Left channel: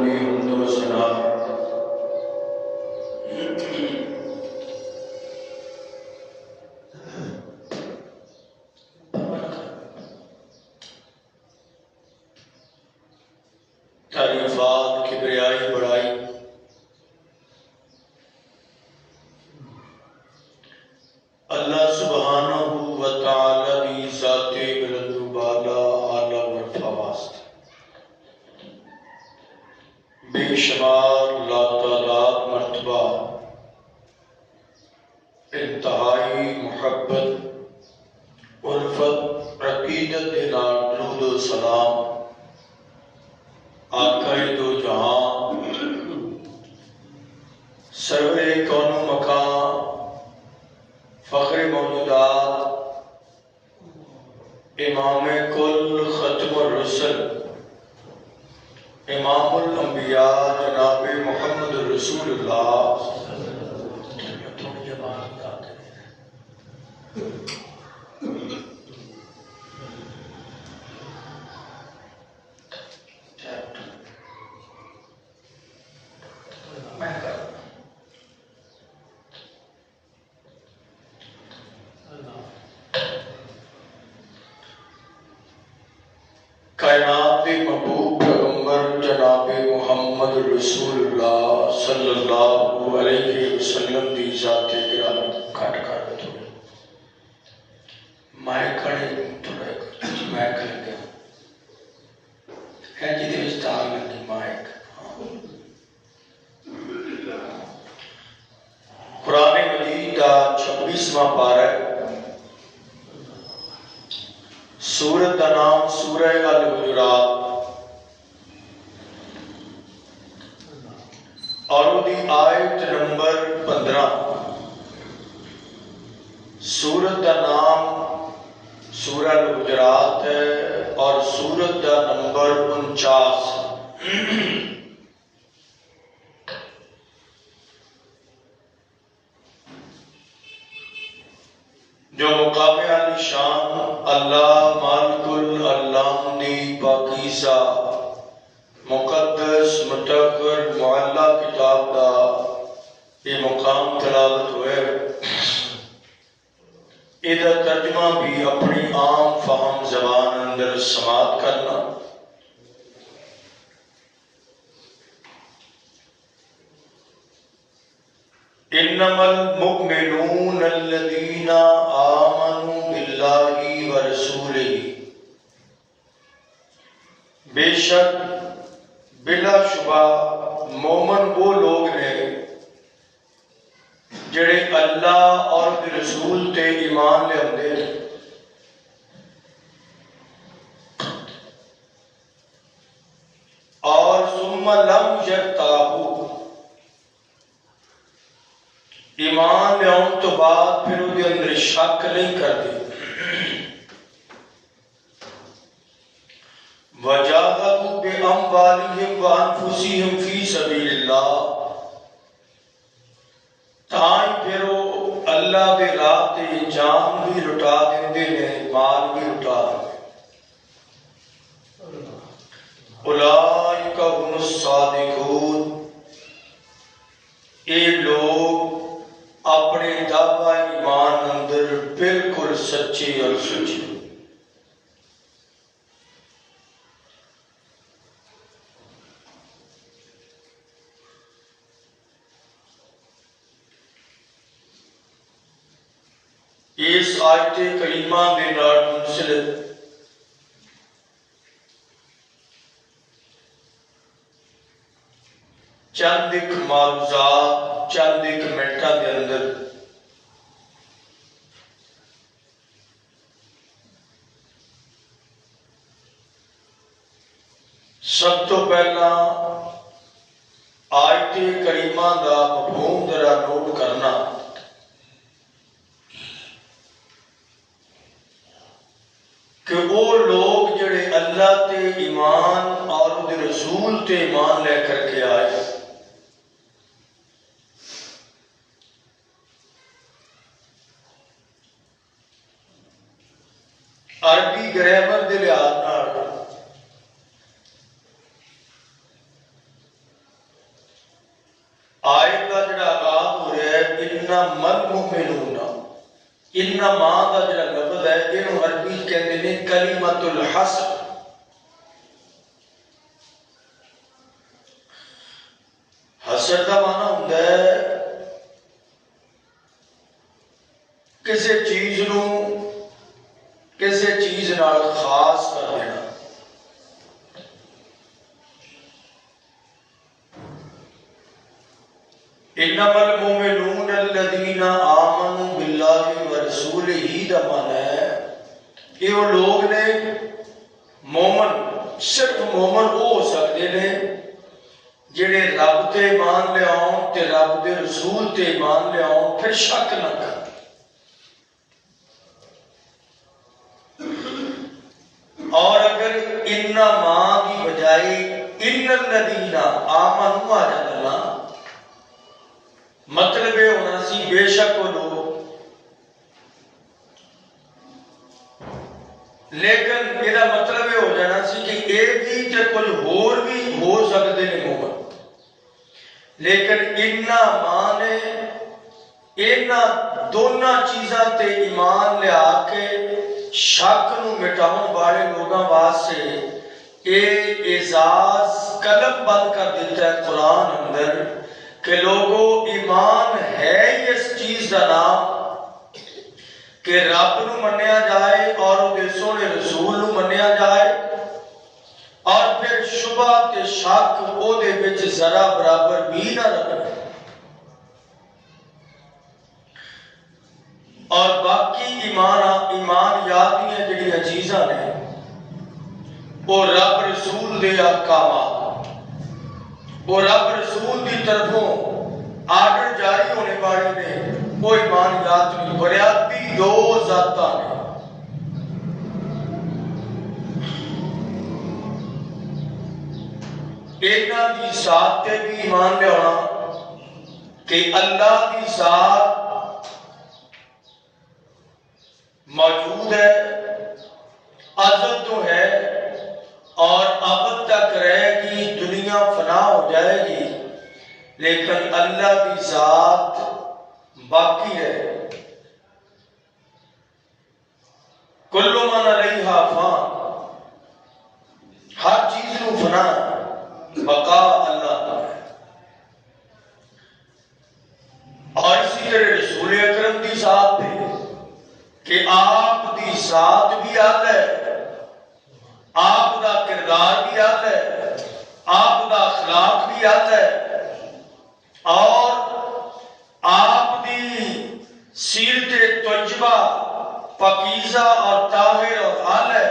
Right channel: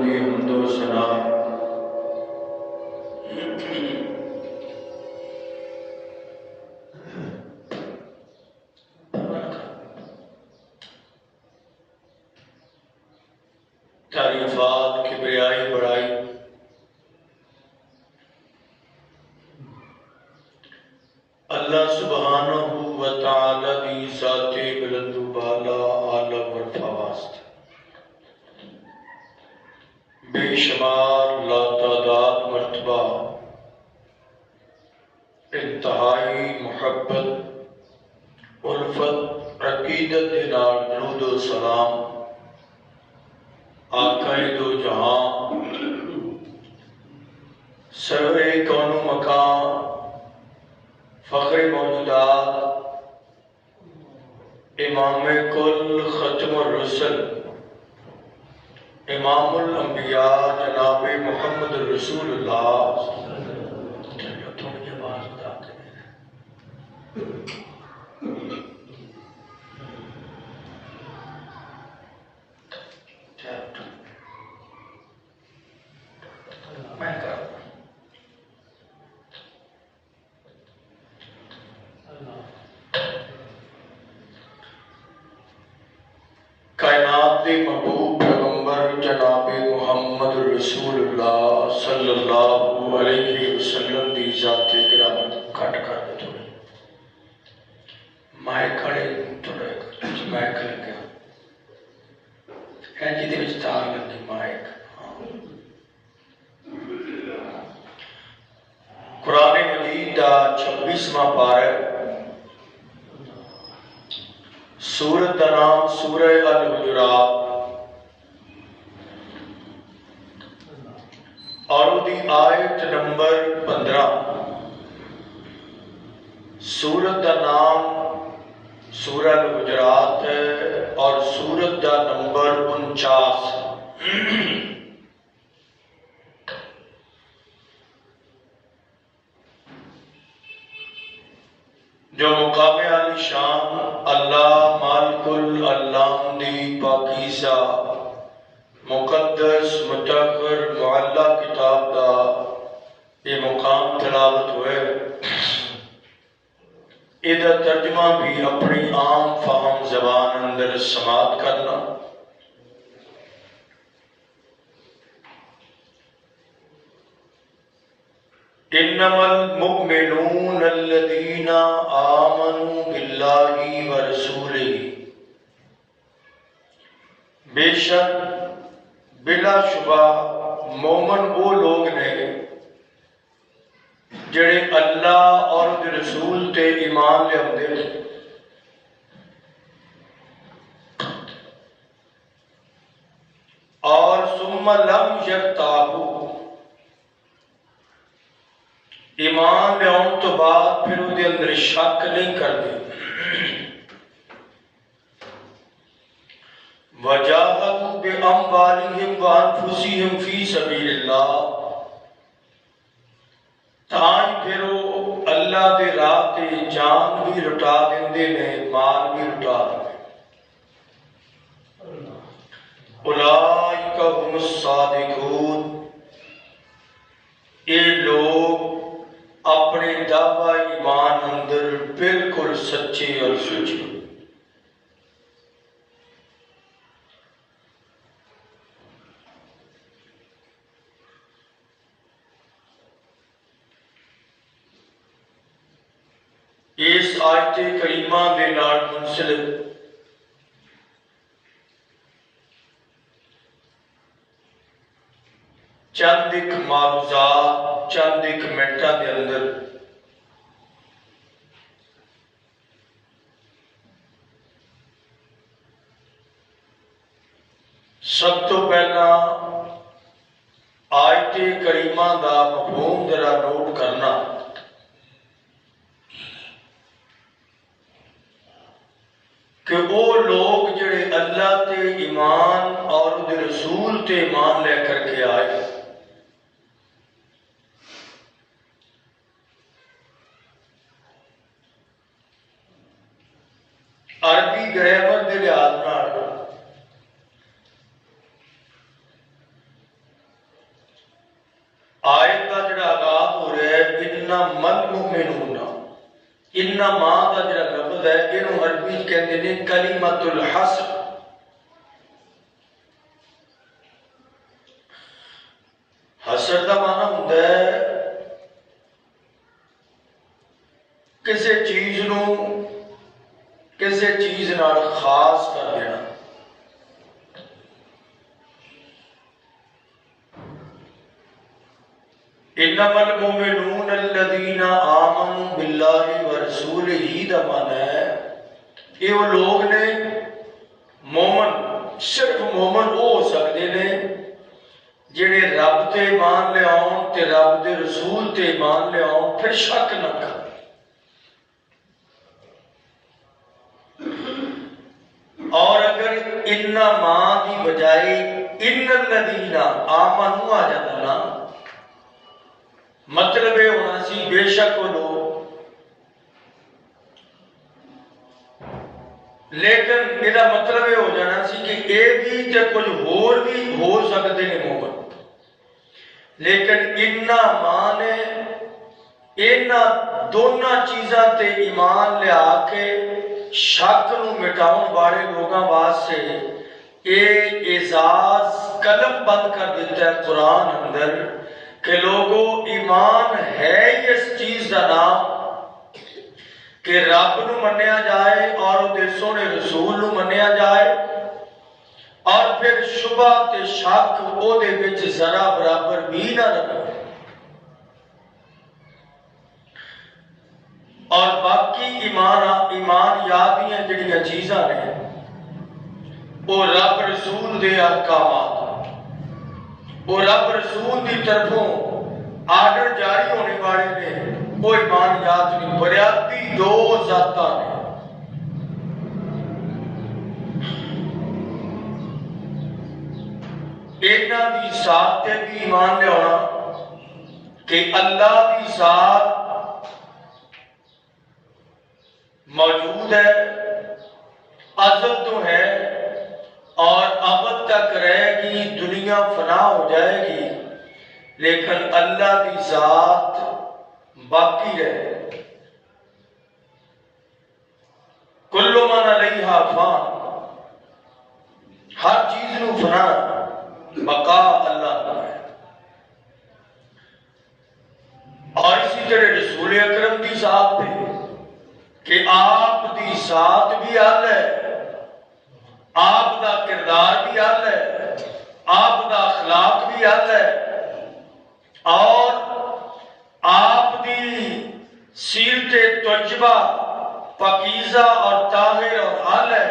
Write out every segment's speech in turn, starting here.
دی حمد و ثنا تعریفات کبریائی بڑائی اللہ سبحانہ و تعالی دی ذات بلند و بالا اعلی و رفع واسطے بے شمار لاتعداد مرتبہ انتہائی محبت الفت عقیدت دے نال درود و سلام آقا دو جہاں سرور کون و مکان فخر موجودات امام کل ختم الرسل امام الانبیاء جناب محمد رسول اللہ کائنات کے محبوب پیغمبر جناب محمد رسول اللہ صلی اللہ علیہ وسلم دی ذات گرامی کٹ کر دو تھوڑی مائک کھڑے تھوڑے مائک لگا ہے جی دے وچ تار لگی مائک قرآن مجید دا 26واں پارہ سورت کا نام سورہ الحجرات اور دی آیت نمبر 15 سورت کا نام سورہ الحجرات ہے اور سورت کا نمبر 49 جو مقام عالی شان اللہ مالک العلام دی پاکیزہ مقدس مطہر معلی کتاب دا یہ مقام تلاوت ہوئے ادھا ترجمہ بھی اپنی عام فہم زبان اندر سماعت کرنا انما المؤمنون الذين آمنوا بالله ورسوله بے شک بلا شبہ مومن وہ لوگ نے جڑے اللہ اور رسول تے ایمان لے آندے اور ثم لم یرتابوا ایمان لے آن تو بعد پھر وہ دے اندر شک نہیں کرتے وَجَاهَدُوا بِأَمْوَالِهِمْ وَأَنفُسِهِمْ فِي سَبِيلِ اللَّهِ تاں پھر وہ اللہ دے راہ تے جان بھی لٹا دیندے نے مال بھی لٹا دیندے اولئک هم الصادقون اے لوگ اپنے دعوی ایمان اندر بالکل سچے اور سچے اس آیت کریمہ میں نال منسلک چند ایک معلومات چند ایک منٹاں دے اندر سب تو پہلا آیت کریمہ دا مفہوم ذرا نوٹ کرنا کہ وہ لوگ جڑے اللہ تے ایمان اور رسول تے ایمان لے کر کے آئے عربی گرامر دے لحاظ نال انما المؤمنون، انما دا جڑا لفظ ہے اینو عربی کہندے نے کلمۃ الحصر۔ حصر دا معنی ہوندا ہے کسی چیز نو کسی چیز نال خاص کر دینا۔ انما المؤمنون الذين آمنوا بالله ورسوله دا معنی ہے کہ وہ لوگ نے مومن، صرف مومن وہ ہو سکتے نے جڑے رب تے ایمان لے آؤں تے رب دے رسول تے ایمان لے آؤں پھر شک نہ کر۔ اور اگر انما کی بجائے ان الذین آمنوا آ جاتا نا، مطلب یہ ہونا سی بے شک وہ لوگ، لیکن یہ مطلب یہ ہو جانا سی کہ اے بھی تے کچھ ہور بھی ہو سکتے ہیں مومن۔ لیکن انما نے اینا دونوں چیزاں تے ایمان لے آ کے شک نو مٹاؤں والے لوگاں واسطے اے اعزاز قلم بند کر دیتا ہے قرآن اندر کہ لوگوں ایمان ہے اس چیز کا نام کہ رب نو منیا جائے اور دے سونے رسول نو منیا جائے، اور پھر شبہ تے شک او دے وچ ذرا برابر بھی نہ رہے، اور باقی ایمانیات جڑیاں چیزاں نے وہ رب رسول دے احکامات، وہ رب رسول دی طرفوں آرڈر جاری ہونے والے نے، وہ ایمانیات نہیں، بنیادی دو ذاتاں نے۔ اینا دی ذات تے بھی ایمان لے ہونا کہ اللہ دی ذات موجود ہے، ازل تو ہے اور ابد تک رہے گی، دنیا فنا ہو جائے گی، لیکن اللہ کی ذات باقی رہے۔ کل من علیہا فان، ہر چیز نو فنا، بقا اللہ ہے۔ اور اسی طرح رسول اکرم دی ذات پہ کہ آپ دی ذات بھی آل ہے، آپ دا کردار بھی آل ہے، آپ دا اخلاق بھی آل ہے، اور آپ دی سیرت طیبہ پاکیزہ اور طاہر اور آل ہے۔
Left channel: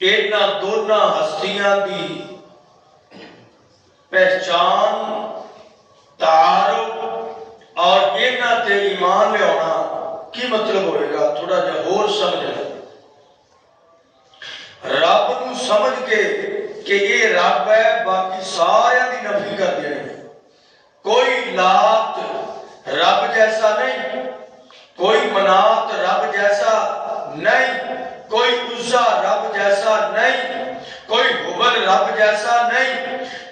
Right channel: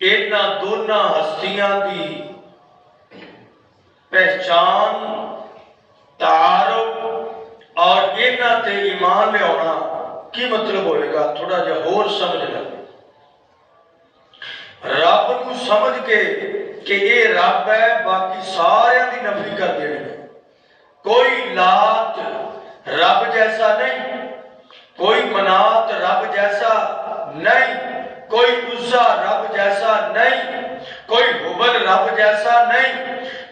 اینا دونوں ہستیاں دی پہچان، تعارف اور اینا تے ایمان لے ہونا کی مطلب ہوئے گا؟ تھوڑا جا اور سمجھ لیں۔ رب نو سمجھ کے کہ یہ رب ہے، باقی سارے دی نفی کر دینے، کوئی لات رب جیسا نہیں، کوئی منات رب جیسا نہیں، کوئی عزا رب جیسا نہیں، کوئی حبل رب جیسا نہیں۔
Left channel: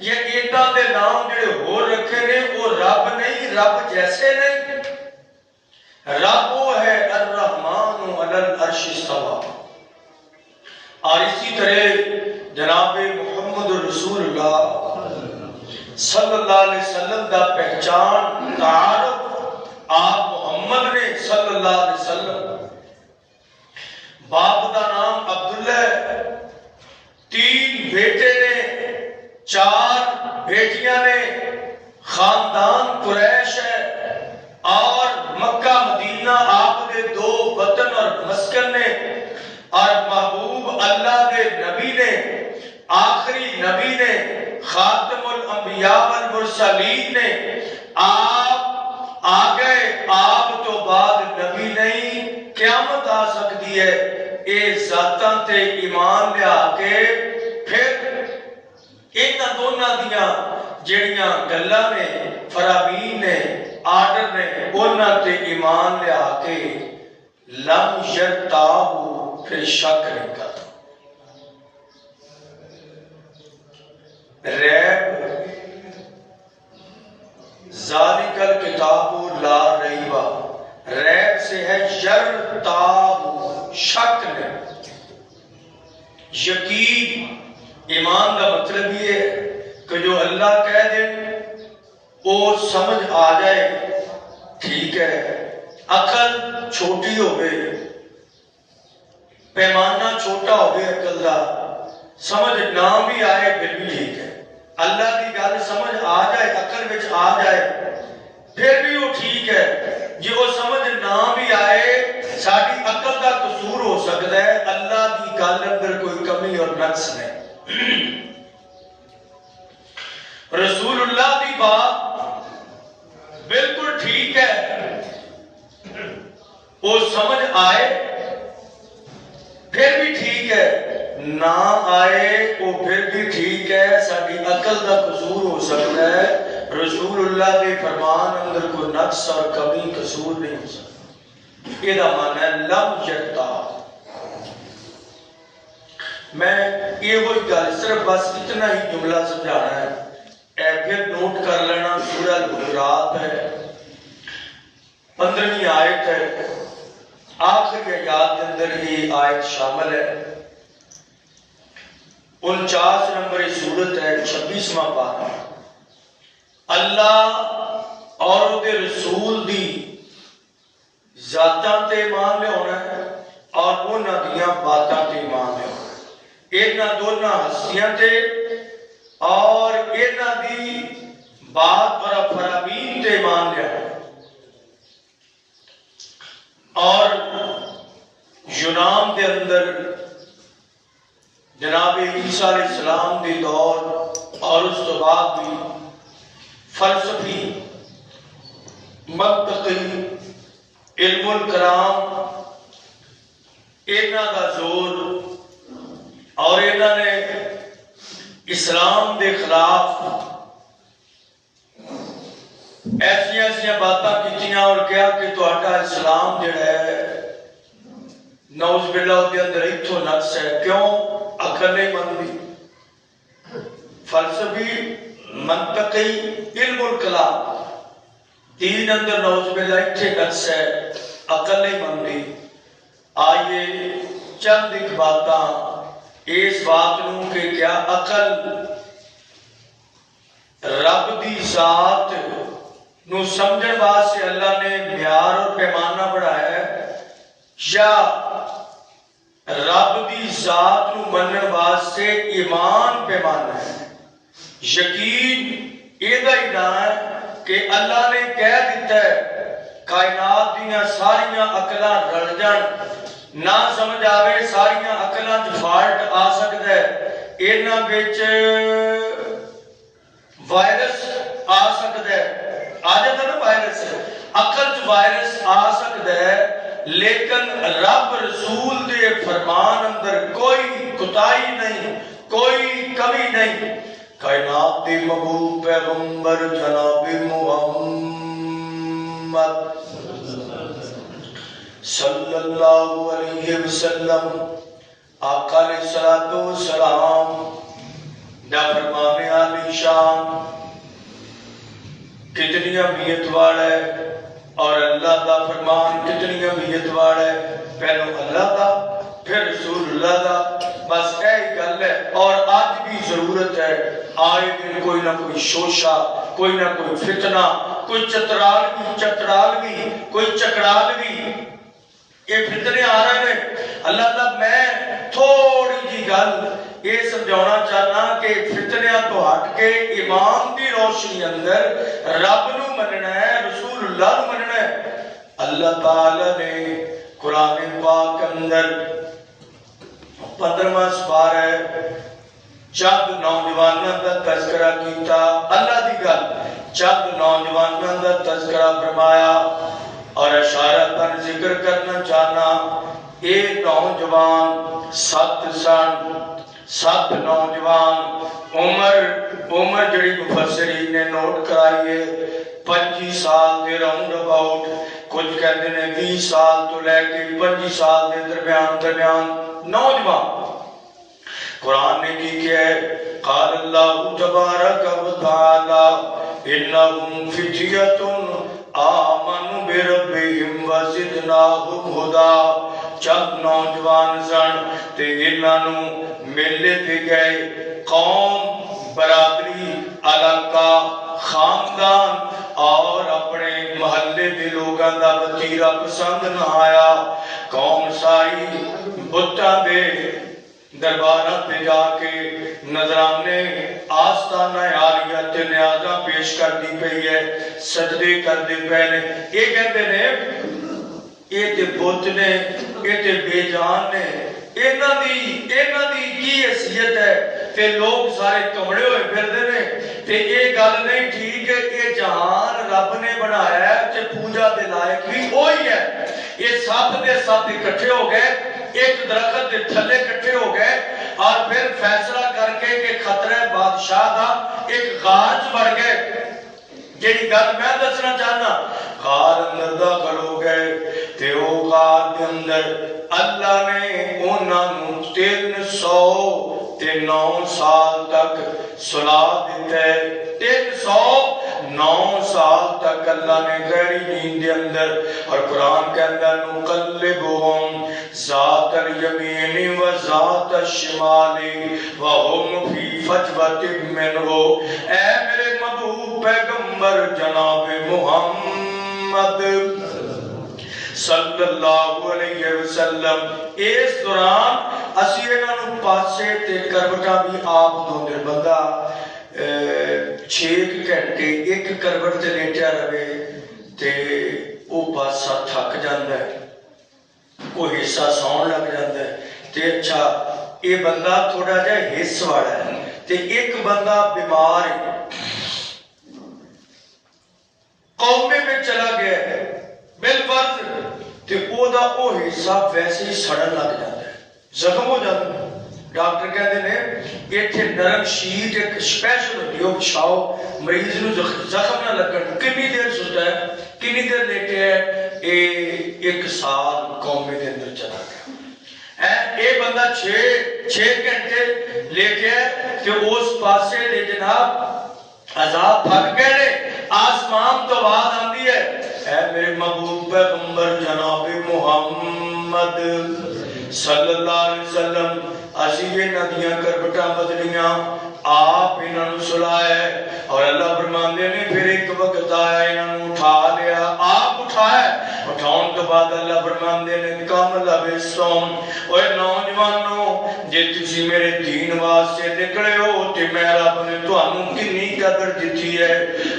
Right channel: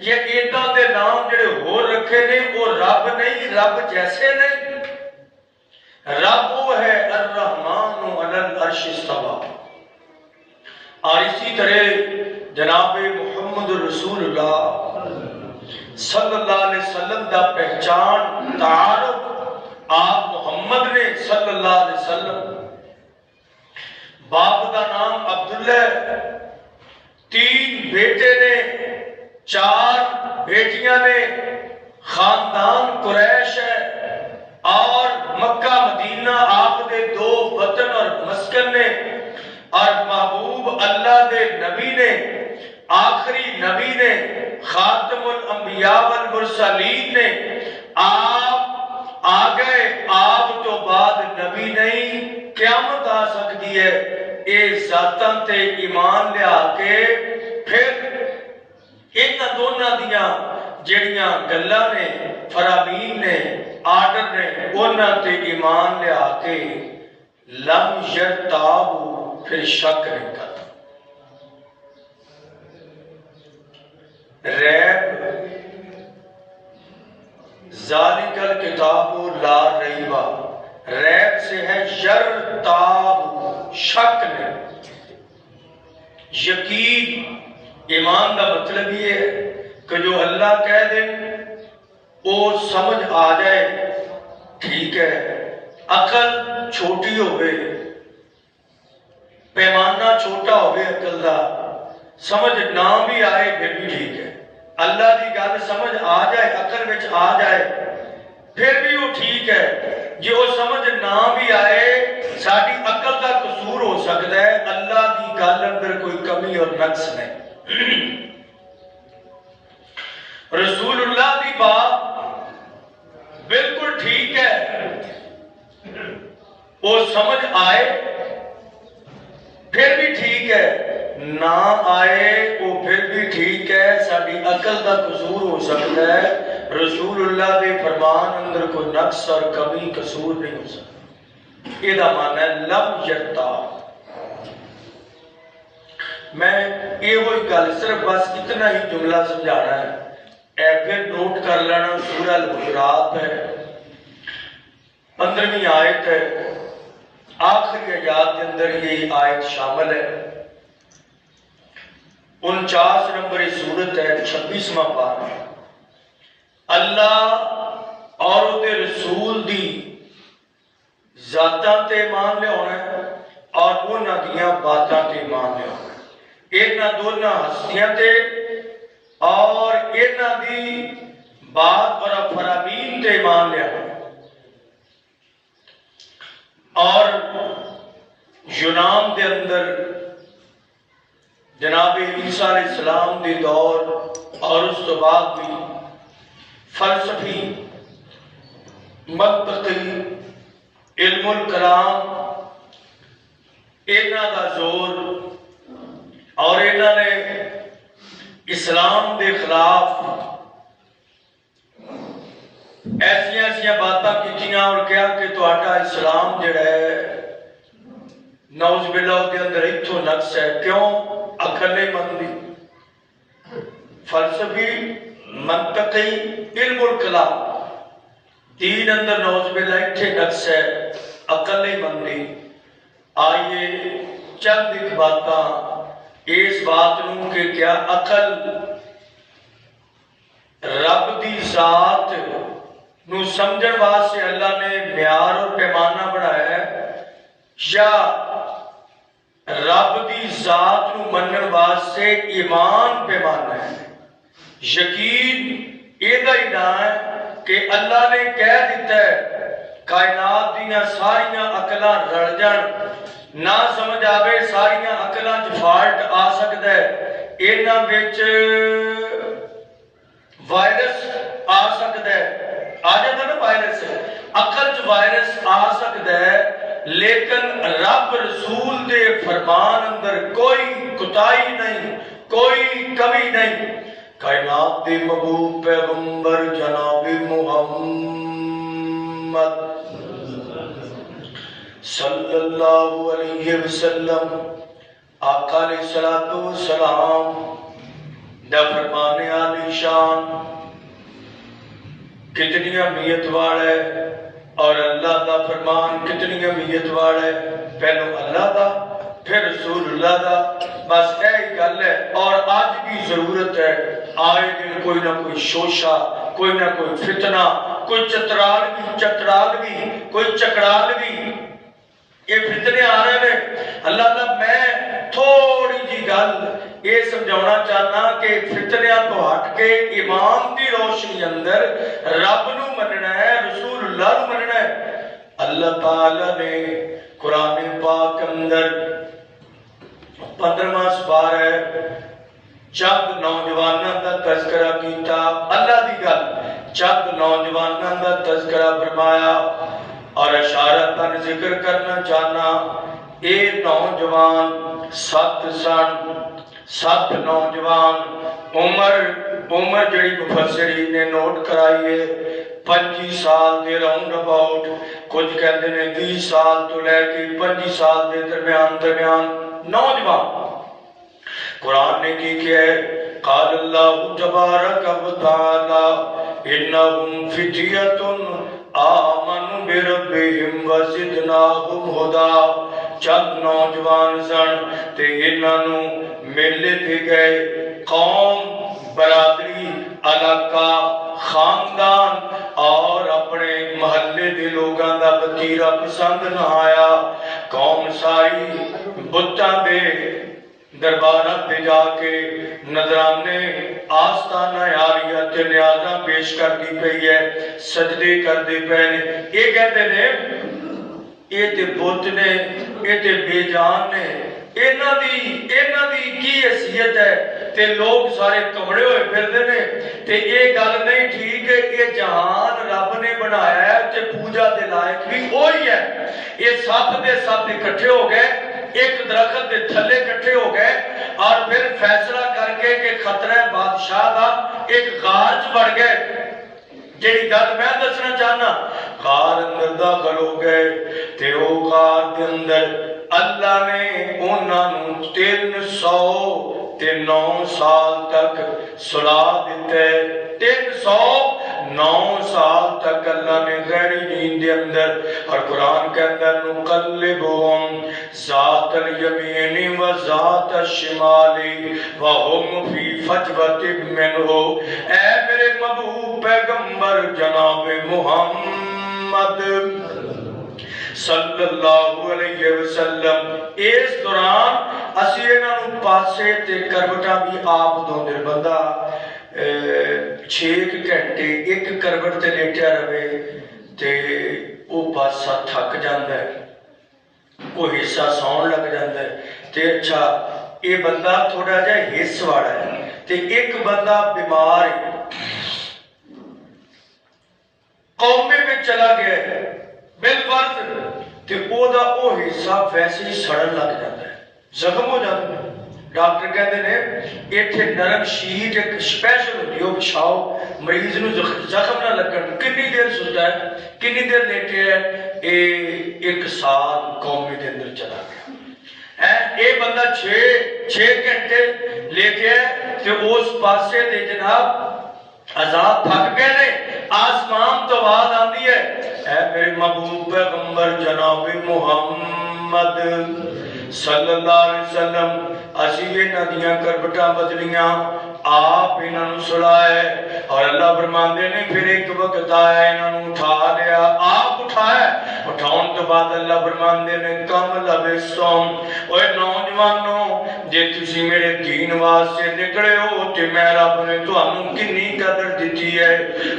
یہ اینا دے نام جڑے ہو رکھے نے وہ رب نہیں، رب جیسے نہیں۔ رب وہ ہے الرحمن علی العرش استویٰ۔ اور اسی طرح جناب محمد رسول اللہ صلی اللہ علیہ وسلم دا پہچان، تعارف آپ محمد نے صلی اللہ علیہ وسلم، باپ کا نام عبداللہ، 3 بیٹے نے، 4 بیٹیاں نے، خاندان قریش ہے، اور مکہ مدینہ آپ دے 2 وطن اور مسکن نے، اور محبوب اللہ دے نبی نے، آخری نبی نے، خاتم الانبیاء والمرسلین نے، آپ آگئے، آپ تو بعد نبی نہیں، قیامت آ سکتی ہے۔ اے ذاتاں تے ایمان لے آکے پھر اینا دونوں دیاں جڑیاں گلاں نے، فرامین نے، آرڈر نے، اونا تے ایمان لے آکے لم یرتابو، پھر شک نہیں کرتا۔ ریب ذالک الکتاب لا ریب، ریب سے ہے یرتاب، شک نے، یقین ایمان کا مطلب یہ ہے کہ جو اللہ کہہ دے وہ سمجھ آ جائے، ٹھیک ہے، عقل چھوٹی ہوئے، پیمانہ چھوٹا ہوئے عقل دا، سمجھ نہ بھی آئے پھر بھی ٹھیک ہے، اللہ کی گل سمجھ آ جائے، عقل وچ آ جائے پھر بھی وہ ٹھیک ہے، جی وہ سمجھ نہ بھی آئے ساری عقل کا قصور ہو سکتا ہے، اللہ کی گل اندر کوئی کمی اور نقص نہیں۔ رسول اللہ کی بات بالکل ٹھیک ہے، وہ سمجھ آئے پھر بھی ٹھیک ہے، نہ آئے وہ پھر بھی ٹھیک ہے، ساری عقل کا قصور ہو سکتا ہے، رسول اللہ کے فرمان اندر کوئی نقص اور کمی قصور نہیں ہو سکتا۔ یہ معنی ہے لم یرتاب۔ میں یہ وہی گل صرف بس اتنا ہی جملہ سمجھانا ہے، اے پھر نوٹ کر لینا، سورہ الحجرات ہے، 15ویں آیت ہے، آخری آیات کے اندر یہ آیت شامل ہے، 49 نمبر سورت ہے، 26واں پارہ۔ اللہ اور وہ رسول دی ذاتاں تے مان لے ہونا ہے اور انہاں دیاں باتاں تے مان لے ہونا ہے، انہاں دونوں ہستیاں تے اور انہاں دی بات اور فرامین تے مان لے ہونا ہے۔ اور یونان دے اندر جناب عیسیٰ علیہ السلام دی دور اور اس کے بعد بھی فلسفی، منطقی، علم الکلام انہاں دا زور اور انہاں نے اسلام دے خلاف ایسی ایسی باتاں کیتیاں اور کیا کہ تہاڈا اسلام جڑا ہے نعوذ باللہ دے اندر اتھوں نقص ہے، کیوں؟ عقل نہیں مندی، فلسفی، منطقی، علم الکلام، دین اندر نعوذ باللہ اتھے نقص ہے، عقل نہیں مندی۔ آئیے چند ایک باتاں اس بات نوں کہ کیا عقل رب دی ذات نو سمجھن واسطے اللہ نے معیار اور پیمانہ بنایا ہے، یا رب دی ذات نو منن واسطے ایمان پیمانہ ہے؟ یقین یہ نام ہے کہ اللہ نے کہہ دیتا ہے کائنات دیاں ساریاں عقلاں رل جان، نہ سمجھ آوے ساریاں عقلاں چ فالٹ آ سکتا ہے، انہاں وچ وائرس آ سکتا ہے، آ جاتا ہے نا وائرس، عقل چ وائرس آ سکتا ہے، لیکن رب رسول دے فرمان اندر کوئی کوتاہی نہیں، کوئی کمی نہیں۔ کائنات دے محبوب پیغمبر جناب محمد صلی اللہ علیہ وسلم آقا علیہ السلام دا فرمان عالی شان کتنی اہمیت والا ہے، اور اللہ دا فرمان کتنی اہمیت والا ہے، پہلو اللہ دا پھر رسول اللہ دا، بس یہی گل ہے۔ اور آج بھی ضرورت ہے، آئے دن کوئی نہ کوئی شوشہ، کوئی نہ کوئی فتنہ، کوئی چترالوی، کوئی چکرالوی، یہ فتنے آ رہے ہیں۔ اللہ میں تھوڑی جی گل یہ سمجھانا چاہنا کہ فتنیاں تو ہٹ کے ایمان دی روشنی اندر رب نو مننا ہے، رسول اللہ نو مننا ہے۔ اللہ تعالی نے قرآن پاک اندر 15واں سپارہ ہے، چند نوجوانوں کا تذکرہ کیتا، اللہ دی گل، چند نوجوانوں کا تذکرہ فرمایا، اور اشارہ پر ذکر کرنا چاہنا، اے نوجوان 7 سن، 7 نوجوان، عمر جڑی مفسرین نے نوٹ کرائیے 25 سال دے راؤنڈ اباؤٹ، کچھ کہتے ہیں 20 سال تو لے کے 25 سال دے درمیان نوجوان۔ قرآن نے کی کیا ہے؟ قال اللہ تبارک و تعالی انہم فتیۃ آمنوا بربہم وزدناہم ہدا. چند نوجوان سن تے انہاں نوں میلے تے گئے. قوم، برادری، علاقہ، خاندان اور اپنے محلے دے لوگاں دا وتیرا پسند نہ آیا. قوم ساری بتاں دے درباراں پہ جا کے نذرانے آستانہ عالیہ تے نیازاں پیش کرتی پئی ہے، سجدے کرتے پے نے. یہ کہتے نے یہ تے بت نے، یہ تے بے جان نے، انہاں دی کی حیثیت ہے. تے لوگ سارے کمڑے ہوئے پھردے نے. تے یہ گل نہیں ٹھیک ہے کہ جہان رب نے بنایا ہے تے پوجا دے لائق بھی وہی ہے. یہ سب دے سب اکٹھے ہو گئے، ایک درخت دے تھلے اکٹھے ہو گئے اور پھر فیصلہ کر کے کہ خطرہ بادشاہ دا ایک غار چ بڑھ گئے. جیڑی گل میں دسنا چاہنا، غار اندر داخل ہو گئے تے او غار دے اندر اللہ نے انہاں نوں 309 سال تک سلا دیتا ہے. 309 سال تک اللہ نے گہری نیند دے اندر. اور قرآن کے اندر نقلبہم ذات الیمین و ذات الشمال وہم فی فجوۃ منہ. اے میرے محبوب پیغمبر جناب محمد صلی اللہ علیہ وسلم، اس دوران اسی انہاں نوں پاسے تے کروٹاں بھی آپ دو دے بندہ 6 گھنٹے ایک کروٹ تے لیٹیا رہے تے او پاسا تھک جاندا ہے، او حصہ سون لگ جاندا ہے. تے اچھا یہ بندہ تھوڑا جہا حص والا ہے تے ایک بندہ بیمار قومے میں چلا گیا ہے بالفرض تے او دا او حصہ ویسے ہی سڑن لگ جاتا ہے، زخم ہو جاتا ہے. ڈاکٹر کہتے ہیں ایتھے نرم شیٹ ایک سپیشل ہوتی ہے، بچھاؤ مریض نو زخم نہ لگن. کنی دیر سوچا ہے، کنی دیر لیٹے ہے، 1 سال قومے دے اندر چلا گیا. اے بندہ 6 گھنٹے لیٹے ہے کہ اس پاسے دے جناب عذاب تھک گئے نے. آسمان تو آواز آندی ہے، اے میرے محبوب پیغمبر جناب محمد صلی اللہ علیہ وسلم، اسی یہ ندیاں کربٹاں بدلیاں، آپ انہاں نوں سلائے. اور اللہ فرماندے نے پھر ایک وقت آیا انہاں نوں اٹھا لیا، آپ اٹھائے. اٹھاؤن کے بعد اللہ فرماندے نے کم لبستم، اوے نوجوانوں جے تسی میرے دین واسطے نکلے ہو تے میں رب نے تانوں کنی قدر دتی ہے،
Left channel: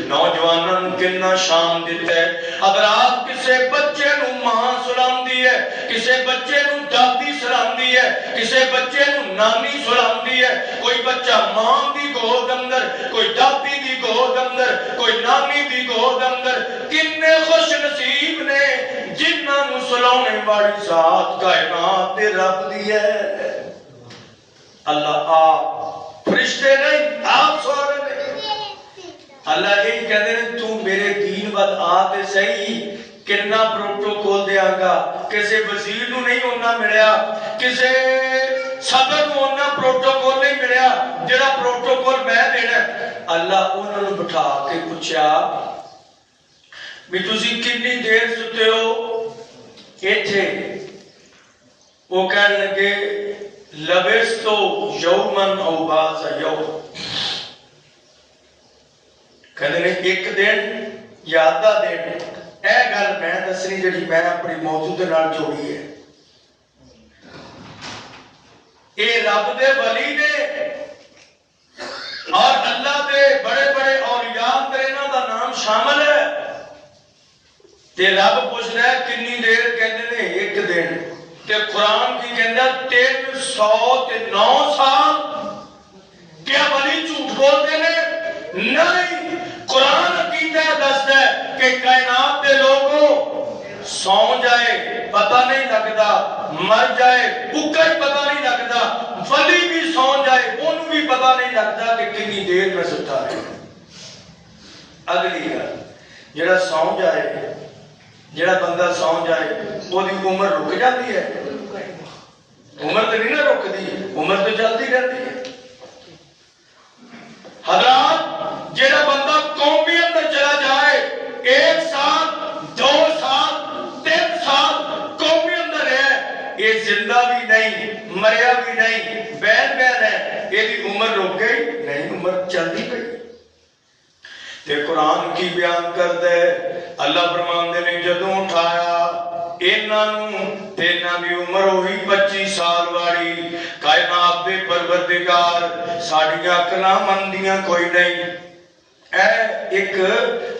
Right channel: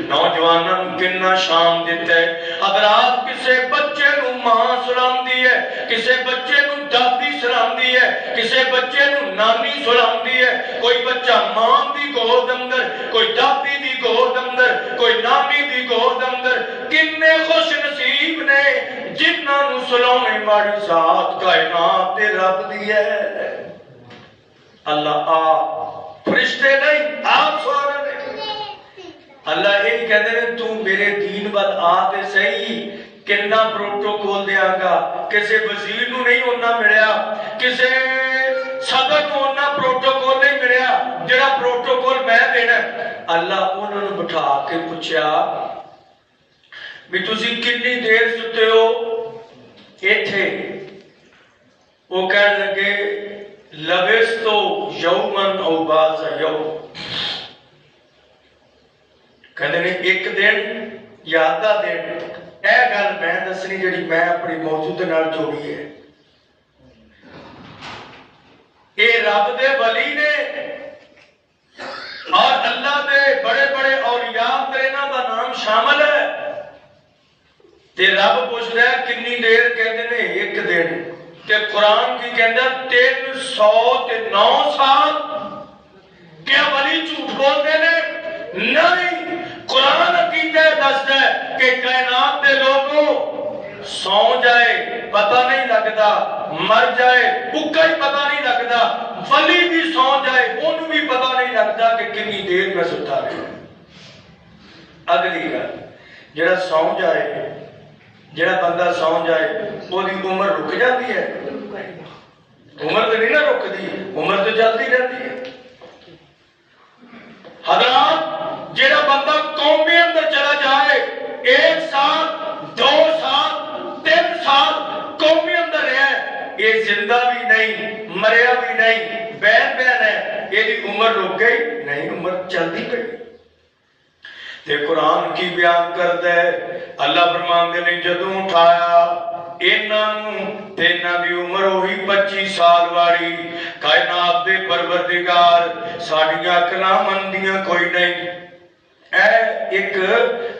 نوجوانوں نوں کنا شان دتا ہے. اگر آپ کسے بچے نوں ماں سلاندی ہے، کسے بچے نوں دادی سلاندی ہے، کسے بچے نوں نانی سلاندی ہے، کوئی بچہ ماں دی گود اندر، کوئی دادی دی گود اندر، کوئی نانی دی گود اندر. کنے خوش نصیب نے جنہاں نوں سلانے والی ذات کائنات دے رب دی ہے. اللہ آپ فرشتے نہیں، آپ سوارے نہیں. اللہ یہ کہتے ہیں تو میرے دین بد آتے صحیح کنا پروٹوکول دیا گا. کسے وزیر نو نہیں ہونا ملیا، کسے صدر نو ہونا پروٹوکول نہیں ملیا جڑا پروٹوکول میں دینا. اللہ انہوں نے بٹھا کے پوچھا بھی تسی کنی دیر ستے ہو ایتھے؟ وہ کہنے لگے لبستو یومن او بعض یوم. کہنے لگے 1 دن یا آدھا دن. اے گل میں دسنی جڑی میں اپنی موضوع دے نال جوڑی ہے. اے رب دے ولی نے اور اللہ دے بڑے بڑے اولیاء تیرنا دا نام شامل ہے. تے رب پوچھ رہا ہے کنی دیر؟ کہندے نے 1 دن. تے قرآن کی کہندا 309 سال. کیا ولی جھوٹ بولتے نے؟ نہیں. قرآن عقیدہ دستا ہے کہ کائنات دے لوگوں سو جائے پتہ نہیں لگتا، مر جائے اکا ہی پتہ نہیں لگتا، ولی بھی سو جائے ان بھی پتہ نہیں لگتا کہ کنی دیر میں ستا ہے. اگلی گل جڑا سو جائے، جڑا بندہ سو جائے وہ دی عمر رک جاتی ہے؟ عمر تو نہیں نہ رکتی، عمر تو چلتی رہتی ہے. حضرات جڑا بندہ قومیت زندہ بھی نہیں مریا بھی نہیں بین بین ہے یہ عمر رک گئی نہیں عمر چلتی گئی تے قرآن کی بیان کرتا ہے اللہ فرماندے نے جدوں اٹھایا انہاں دی عمر ہوئی 25 سال والی کائنات دے پروردگار ساڈیاں اکلاں مندیاں کوئی نہیں اے ایک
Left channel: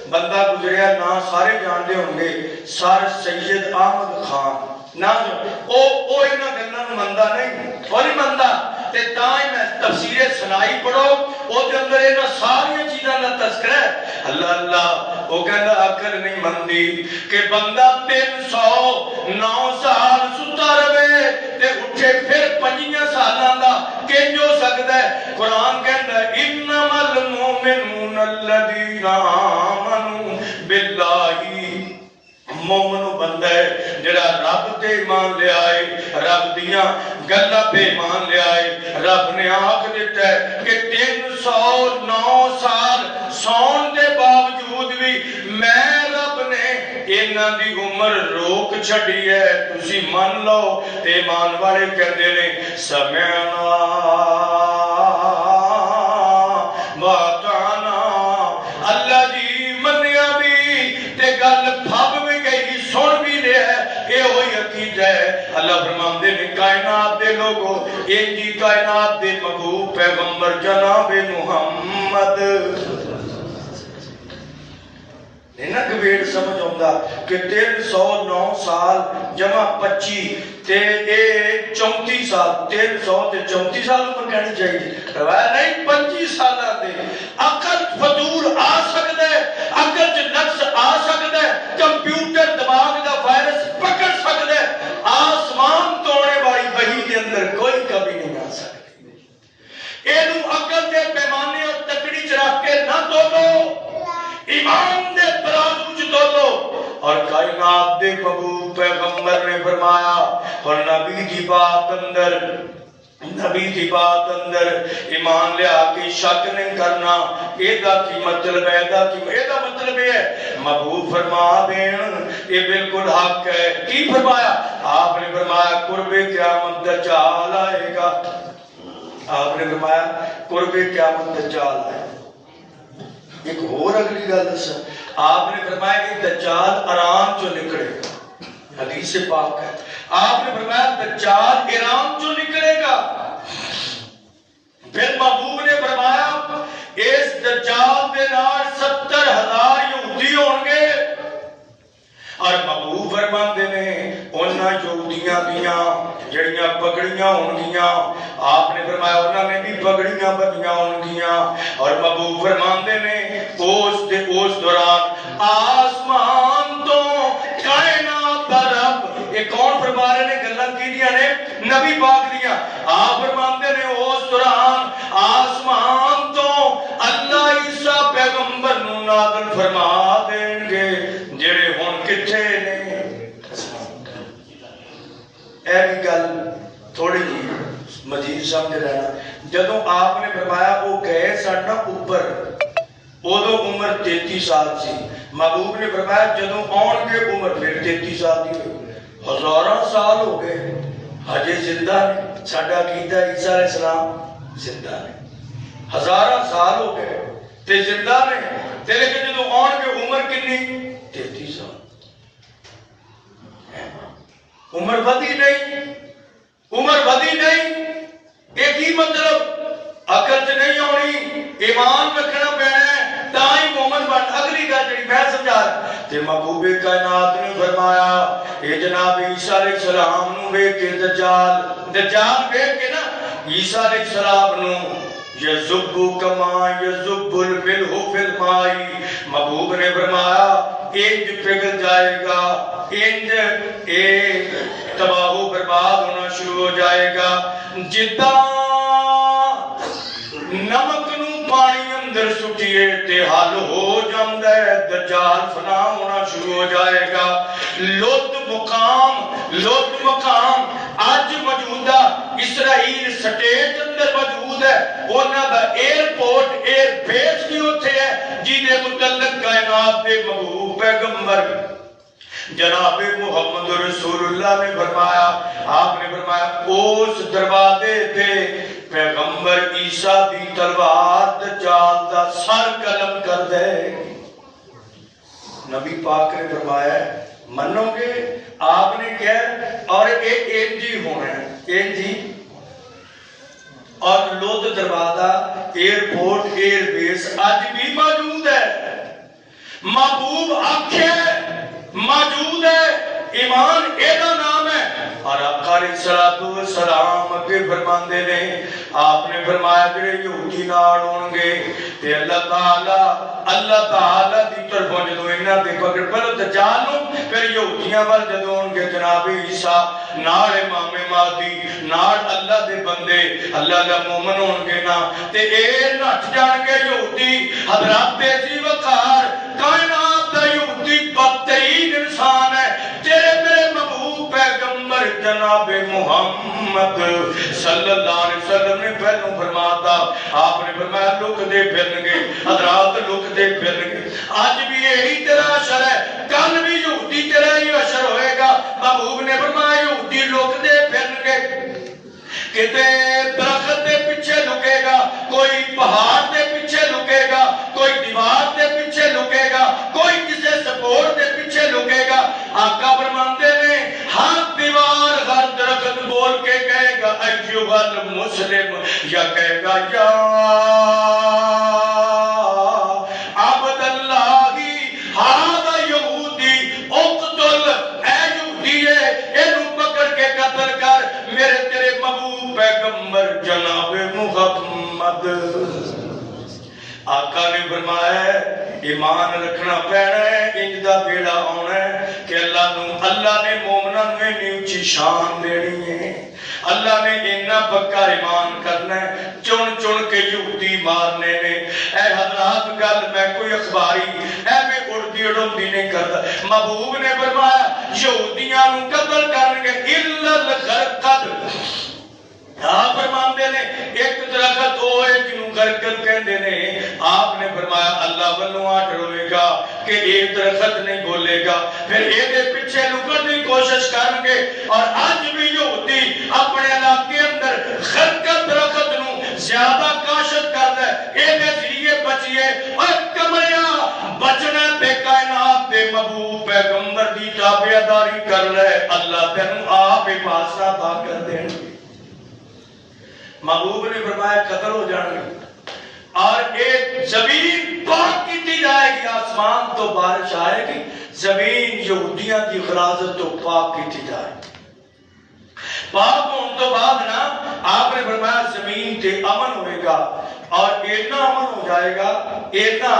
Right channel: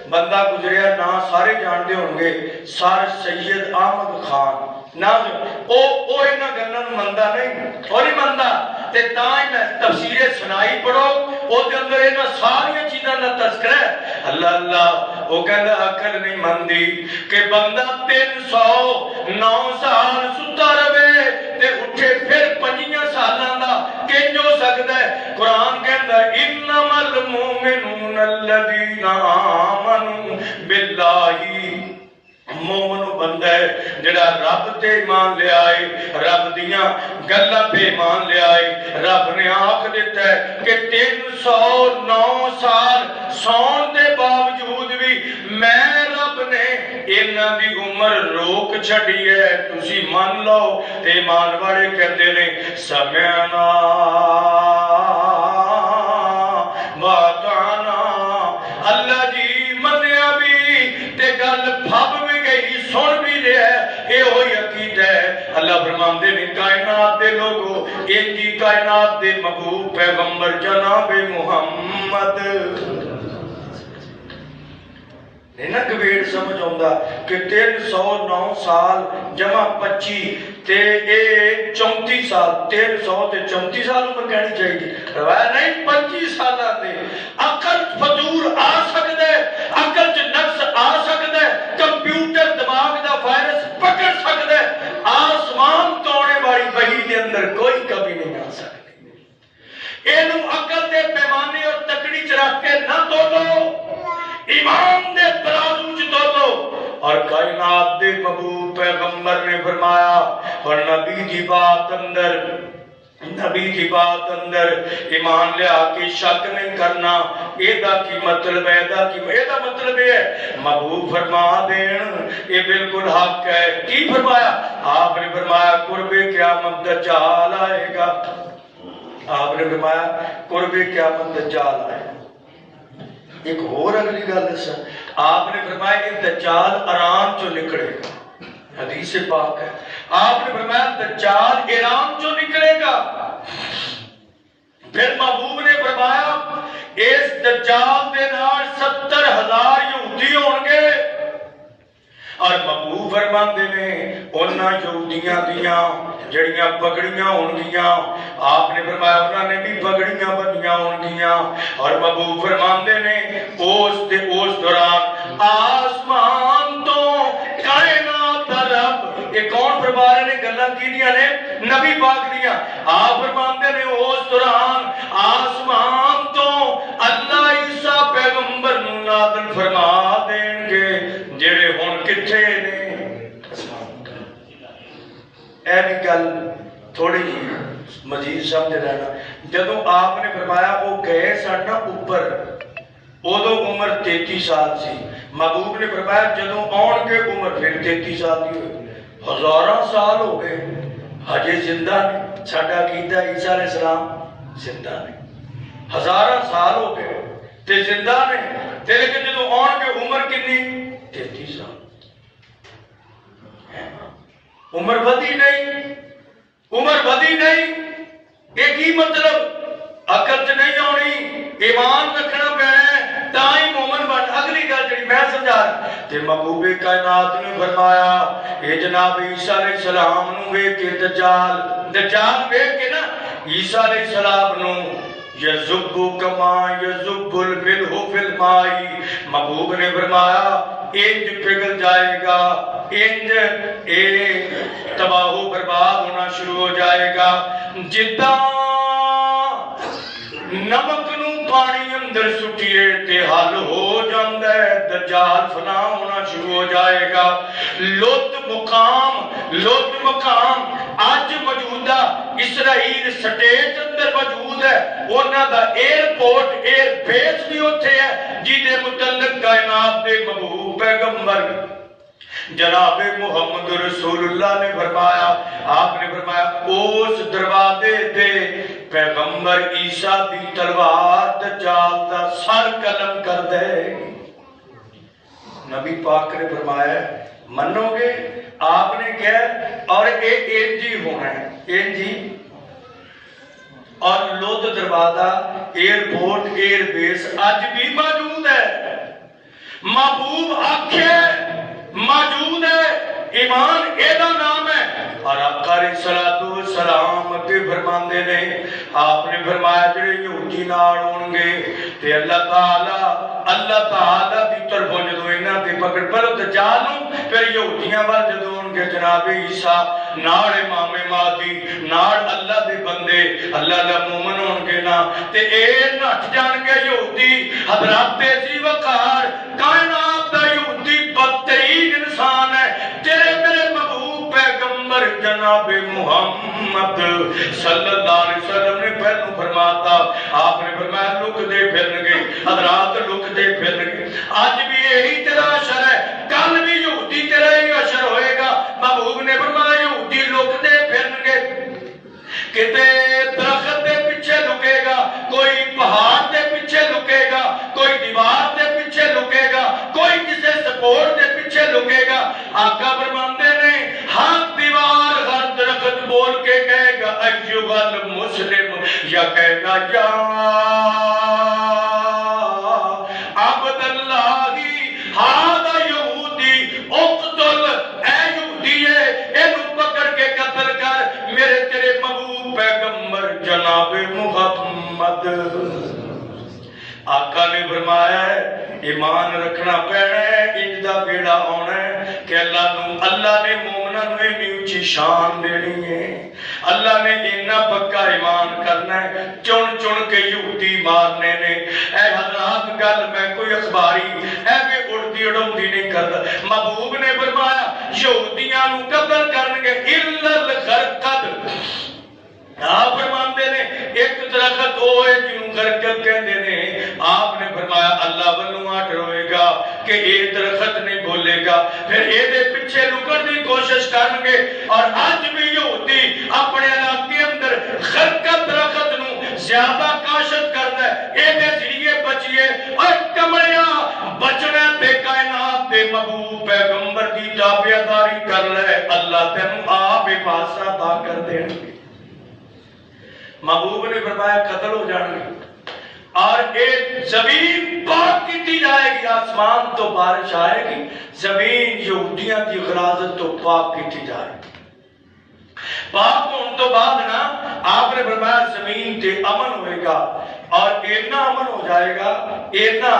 بندہ گزریا نا سارے جانتے ہوں گے سر سید احمد خان نا او انہاں گلاں نوں مندا نہیں او نہیں مندا تے تاں ہی میں تفسیر سنائی پڑھو او دے اندر انہاں ساری چیزاں دا تذکرہ ہے اللہ اللہ وہ کہندا عقل نہیں مندی کہ بندہ 309 سال ستا رہے تے اٹھے پھر 5 سالاں دا کنج ہو سکدا ہے قرآن کہندا انما المؤمنون الذین آمنوا باللہ مومن بندہ ہے جڑا رب تے ایمان لے آئے رب دیاں گلاں پہ ایمان لے آئے رب نے آکھ دیتا ہے کہ 309 سال سون دے باوجود بھی میں رب نے انہاں دی عمر روک چھڈی ہے تسی مان لو ایمان والے کہندے نے سمعنا واطعنا اللہ جی منیا بھی تے گل پھب بھی گئی سن بھی لیا اے ہوئی عقیدہ ہے اللہ فرماندے نے کائنات دے لوگوں انجی کائنات دے محبوب پیغمبر جناب محمد نہ گویڑ سمجھ آؤں کہ 309 سال جمع 25 تے 34 سال 300 تے 34 سال پر کہنی چاہیے روایت نہیں 25 سال آتے عقل فضول آ سکتا ہے عقل چ نقص آ سکتا ہے کمپیوٹر دماغ دا وائرس پکڑ سکتا ہے آسمان توڑنے والی وحی دے اندر کوئی کمی نہیں آ سکتی اینو عقل دے پیمانے اور تکڑی چ رکھ کے نہ دو ایمان دے ترازو چ دو اور کائنات دے محبوب پیغمبر نے فرمایا اور نبی کی بات اندر ایمان لیا کہ شک نہیں کرنا ایدہ کی مطلب ایدہ مطلب ہے محبوب فرما دین یہ بالکل حق ہے کی فرمایا آپ نے فرمایا قرب قیامت دجال آئے گا آپ نے فرمایا قرب قیامت دجال آئے گا ایک اور اگلی گل دسا آپ نے فرمایا کہ دجال ایران چو نکلے گا حدیث پاک ہے آپ نے فرمایا دجال ایران چو نکلے گا پھر محبوب نے فرمایا اس دجال دے نال 70,000 یہودی ہوں گے اور محبوب فرماندے نے انہاں یہودیاں دیاں جڑیاں پگڑیاں ہونگیاں آپ نے فرمایا انہاں نے بھی پگڑیاں بنیاں ہونگیاں اور محبوب فرماندے نے اس دوران آسمان تو کائنات دا رب یہ کون فرما رہے نے گلاں کیدیاں نے نبی پاک دیاں آپ فرماندے نے اس دوران آسمان تو اللہ عیسیٰ پیغمبر نو نازل فرما دیں گے جڑے ہن کتھے نے اے بھی گل تھوڑی جی مزید سمجھ لینا جدوں آپ نے فرمایا وہ گئے سن نا اوپر ادو عمر 33 سال سی محبوب نے فرمایا جدوں آن کے عمر پھر 33 سال دی ہوئی ہزاراں سال ہو گئے ہجے زندہ نے ساڈا عقیدہ عیسیٰ علیہ السلام زندہ نے ہزاراں سال ہو گئے تے زندہ نے تے لیکن جدوں آن کے عمر کنی 33 سال عمر بدی نہیں ایک ہی مطلب عقل سے نہیں آنی ایمان رکھنا پینا ہے تائی مومن بن اگلی گل جڑی میں سمجھا تے محبوب کائنات نے فرمایا اے جناب عیسیٰ علیہ السلام نو ویکھ کے دجال ویکھ کے نا عیسیٰ علیہ السلام نو یذب کما یذب الملح فی الماء محبوب نے فرمایا انج پگھل جائے گا انج تباہ و برباد ہونا شروع ہو جائے گا جداں نمک نو پانی اندر سٹیے تے حل ہو جاندا ہے دجال فنا ہونا شروع ہو جائے گا لوت مقام آج موجودہ اسرائیل سٹیٹ اندر موجود ہے انہاں دا ایئرپورٹ ایئر بیس بھی ہوتے ہے جی دے متعلق کائنات دے محبوب پیغمبر جناب محمد رسول اللہ نے فرمایا، آپ نے فرمایا اس دروازے تے پیغمبر عیسیٰ دی تلوار دجال دا سر قلم کر دے گی۔ نبی پاک نے فرمایا منو گے؟ آپ نے کہا اور ایک انجی ہونا ہے، انجی اور لوت دروازہ ایئرپورٹ ایئر بیس آج بھی موجود ہے، محبوب آنکھیں موجود ہے، ایمان ایدہ نام ہے۔ اور آقا علیہ السلام کے فرماندے نے، آپ نے فرمایا جڑے یہودی نال ہون گے تے اللہ تعالی دی طرفوں جدوں انہاں تے پکڑ پلو دجال نوں، پھر یہودیاں وال جدوں ہون گے جناب عیسیٰ نال امام مہدی نال اللہ دے بندے اللہ دے مومن ہون گے نا تے اے نٹ جان گے یہودی حضرات جی وقار کائنات دا یہودی بدترین انسان ہے، تیرے میرے محبوب پیغمبر جناب محمد صلی اللہ علیہ وسلم نے پہلو فرماتا، آپ نے فرمایا لک دے پھرن گے حضرات، لک دے پھرن گے۔ آج بھی یہی تیرا اشر ہے، کل بھی یہودی تیرا ہی اشر ہوئے گا۔ محبوب نے فرمایا یہودی لک دے پھرن گے، کتے درخت دے پیچھے لکے گا، کوئی پہاڑ دے پیچھے لکے گا، کوئی دیوار دے پیچھے لکے گا، کوئی کسی سپورٹ دے پیچھے لکے گا۔ آقا فرماندے نے ہر دیوار ہر درخت بول کے کہے گا ایھا المسلم، یا کہے گا یا عبد اللہ ھذا یہودی اقتل، اے یہودی ہے اینو پکڑ کے قتل کر، میرے تیرے محبوب پیغمبر جناب محمد۔ آقا نے فرمایا ایمان رکھنا پینا ہے، انج دا بیڑا آنا ہے کہ اللہ نے مومناں نوں اتنی اونچی شان دینی ہے، اللہ نے اتنا پکا ایمان کرنا ہے، چن چن کے یہودی مارنے نے۔ اے حضرات گل میں کوئی اخباری ایویں اڑدی اڑوندی نہیں کرتا، محبوب نے فرمایا یہودیاں نوں قتل کرن گے الا الغرقد۔ آپ فرماندے نے ایک درخت ہوئے جنوں گرگل کہندے نے، آپ نے فرمایا اللہ والوں آٹھ روے گا کہ ایک درخت نہیں بولے گا، پھر ایدے پیچھے لکڑ دی کوشش کرن گے۔ اور آج بھی یہودی اپنے علاقے اندر غرقل درخت نوں زیادہ کاشت کردا ہے، ایدے ذریعے بچیے۔ اور کمڑیاں بچنے تے کائنات دے محبوب پیغمبر دی تابعداری کر لے، اللہ تینوں آپ حفاظت عطا کر دین گے۔ محبوب نے فرمایا قتل ہو جان گے اور ایک زمین پاک کی جائے گی، آسمان تو بارش آئے گی، زمین یہودیاں کی غلاظت تو پاک کی جائے گی۔ پاک ہون تو بعد نا آپ نے فرمایا زمین تے امن ہوئے گا، اور اتنا امن ہو جائے گا، اتنا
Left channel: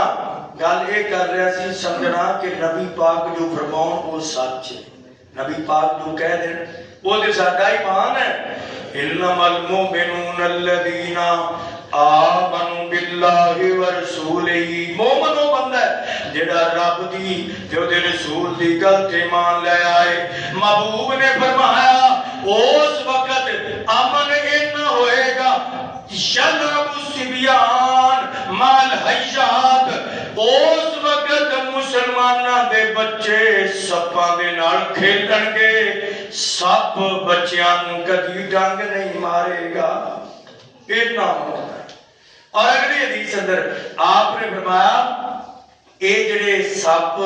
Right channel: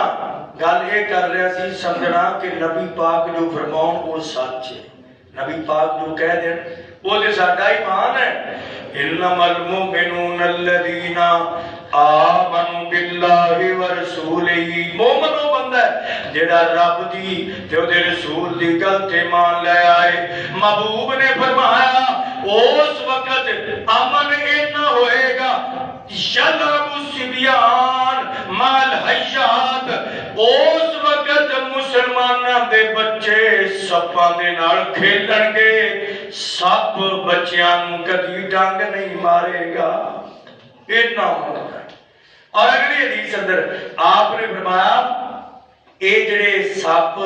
گل یہ کر رہا سی سمجھنا کہ نبی پاک جو فرماؤں وہ سچ ہے، نبی پاک جو کہہ دیں وہ دے ساڈا ایمان ہے۔ انما المؤمنون الذین آمنوا باللہ ورسولہ، مومن وہ بندہ ہے جڑا رب دی جو دے رسول دی گل تے ایمان لے آئے۔ محبوب نے فرمایا اس وقت امن اتنا ہوئے گا یلعب الصبیان مال حیات، اس وقت مسلمانوں دے بچے سپاں دے نال کھیلن گے، سپ بچیاں نوں کدی ڈنگ نہیں مارے گا، اتنا ہوگا۔ اور اگلی حدیث اندر آپ نے فرمایا اے جڑے سپ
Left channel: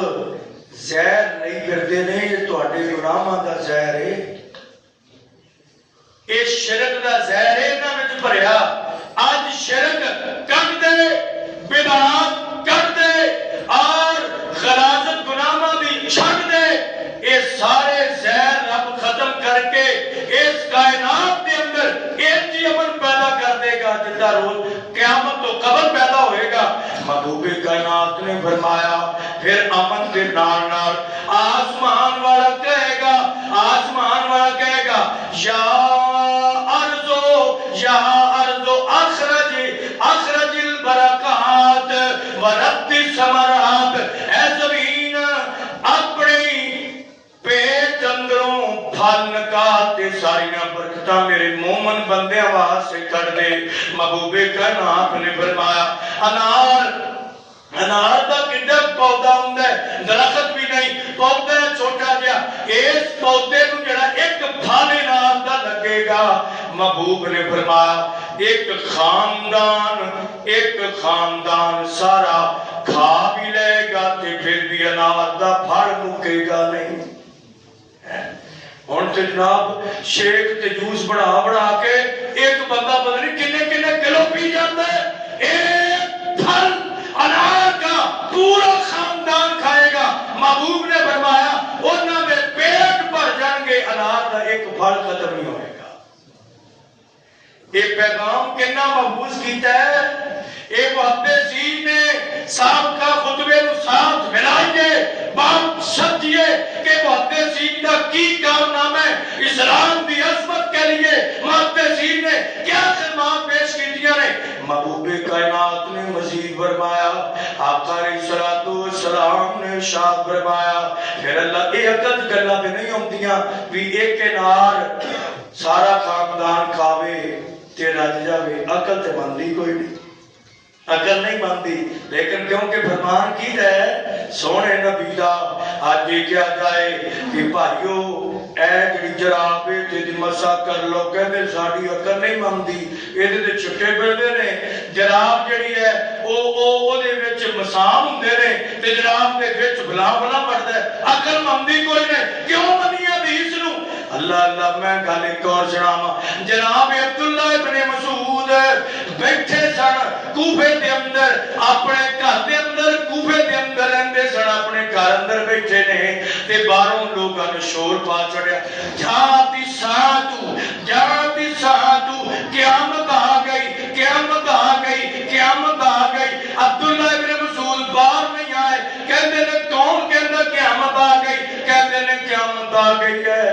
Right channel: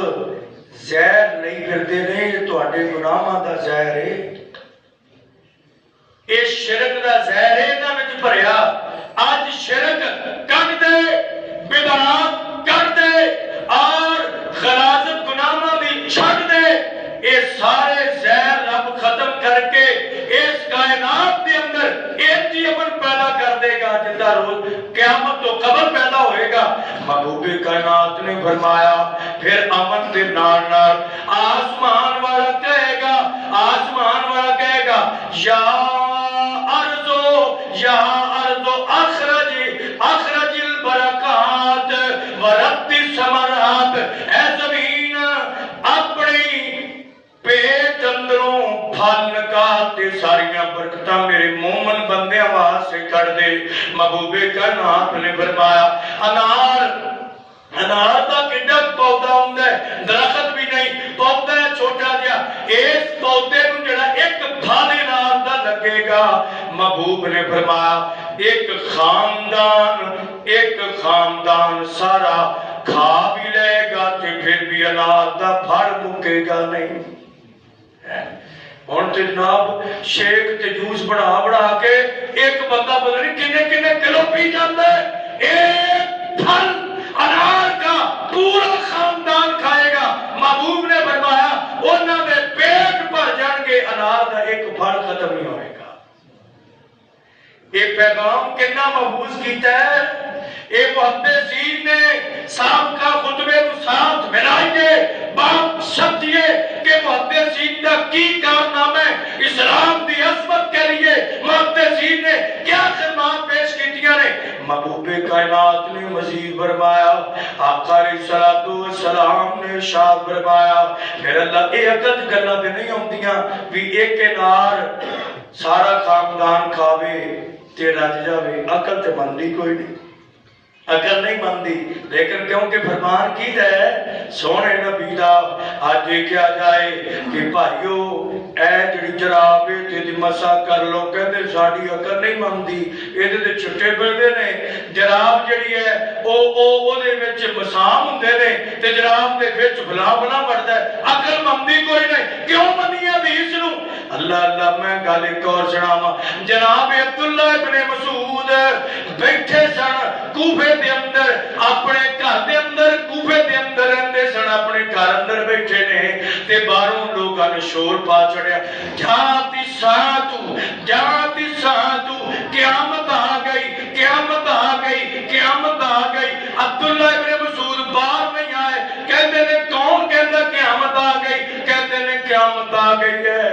زہر نہیں پھردے نے، یہ تہاڈے گناہاں دا زہر ہے، اے شرک دا زہر ہے انہاں وچ بھریا۔ اج شرک کٹ دے، بدعات کٹ دے اور غلاظت گناہاں دی چھڈ دے، اے سارے زہر رب ختم کر کے اس کائنات دے اندر ایک ہی امن پیدا کر دے گا جدا روز قیامت تو قبر پیدا ہوئے گا۔ محبوب کائنات نے فرمایا پھر امن دے نال نال آسمان والا کہے گا، آسمان والا کہے گا یا ارضو اخرج البرکات ورد الثمرات، اے زمین اپنی پیٹ اندروں پھل نکال تے ساریاں برکتاں میرے مومن بندیاں واسطے کر دے۔ محبوب کائنات نے فرمایا انار دا کڈا پودا ہوندا ہے، درخت بھی نہیں، پودا ہے چھوٹا اس پودے کو جڑا ایک پھل نال دا لگے گا محبوب نے فرمایا ایک خاندان سارا کھا بھی لے گا تے پھر بھی انار دا پھل مکے گا نہیں. ہن تے جناب شیک تے جوس بنا کے ایک بندہ پتہ نہیں کنے کلو پی جاندا ہے. ایک پھل انار کا پورا خاندان کھائے گا. محبوب نے فرمایا انہاں دے پیٹ بھر جان گے انار دا ایک پھل ختم نہیں ہوئے گا. یہ پیغام کتنا محفوظ کیتا ہے. ایک محدثین نے صاحب کا خطبے کو ساتھ ملائی گے باپ سمجھئے کہ محدثین کا کی کارنامہ ہے اسلام دی عظمت کے لیے محدثین نے کیا خدمات پیش کی دیا نے. محبوب کائنات نے مزید فرمایا آقا علیہ السلام نے ارشاد فرمایا پھر اللہ یہ عقل گلاں تے نہیں ہوندیاں بھی ایک انار سارا خاندان کھاوے تے رج جاوے. عقل تے بندی کوئی نہیں, عقل نہیں بنتی. لیکن کیونکہ فرمان کی ہے سونے نبی دا آج کیا جائے کہ بھائیو اے جڑی جراب تے دی مسا کر لو کہندے ساڈی عقل نہیں بنتی ایدے تے چھٹے پھردے نے. جراب جڑی ہے او دے وچ مسام ہوندے نے تے جراب دے وچ بلا بڑھدا ہے. عقل بنتی کوئی نہیں. کیوں بنی حدیث نو اللہ میں گل ایک اور سناواں. جناب عبداللہ ابن مسعود بیٹھے سن کوفے دے اندر اپنے گھر دے اندر کوفے دے اندر رہندے سن اپنے گھر اندر بیٹھے نے تے باہروں لوگاں نے شور پا چڑھیا جاتی ساعتو قیامت آ گئی. عبداللہ ابن مسعود باہر نہیں آئے. کہندے نے کون کہندا قیامت آ گئی. کہندے نے قیامت آ گئی ہے.